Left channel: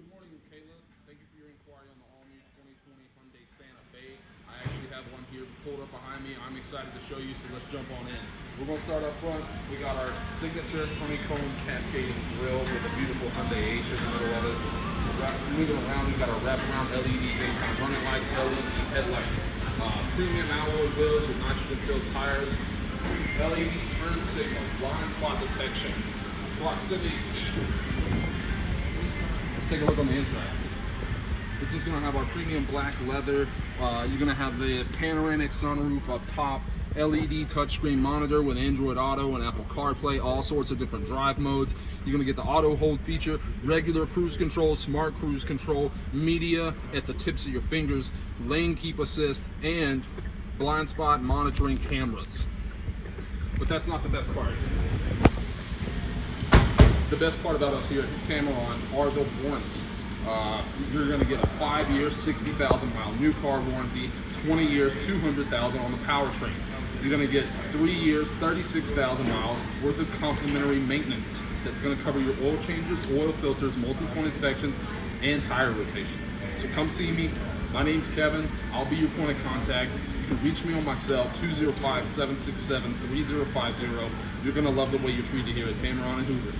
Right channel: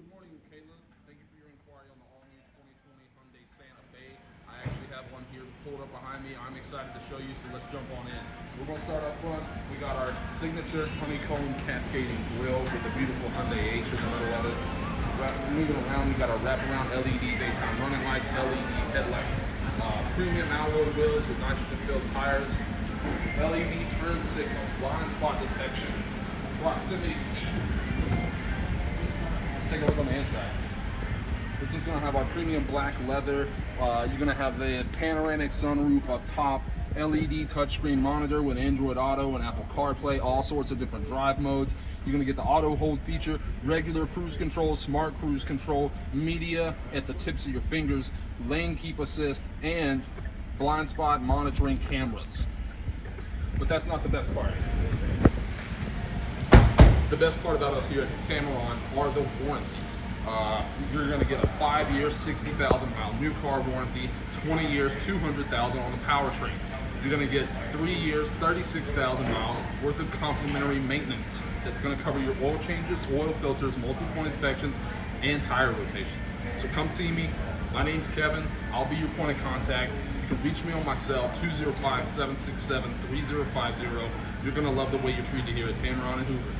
Good morning, Lakayla. Thank you for your inquiry on the all-new 2020 Hyundai Santa Fe. I actually have one here pulled up behind me. I'm excited to show you, so let's jump on in. We're going to start up front. We got our signature honeycomb cascading grille with a beautiful Hyundai H in the middle of it. Moving around, we've got our wraparound LED daytime running lights, LED headlights, premium alloy wheels with nitrogen-filled tires, LED turn signals, blind spot detection, proximity key. Let's take a look on the inside. This is going to have our premium black leather. You're going to have the panoramic sunroof up top, LED touchscreen monitor with Android Auto and Apple CarPlay, all sorts of different drive modes. You're going to get the auto hold feature, regular cruise control, smart cruise control, media at the tips of your fingers, lane keep assist, and blind spot monitoring cameras. But that's not the best part. The best part about us here at Tameron are the warranties. You're going to get a 5-year, 60,000 mile new car warranty, 20 years, 200,000 on the powertrain. You're going to get 3 years, 36,000 miles worth of complimentary maintenance. That's going to cover your oil changes, oil filters, multi-point inspections, and tire rotations. So come see me. My name's Kevin. I'll be your point of contact. You can reach me on my cell, 205-767-3050. You're going to love the way you're treated here at Tameron and Hoover.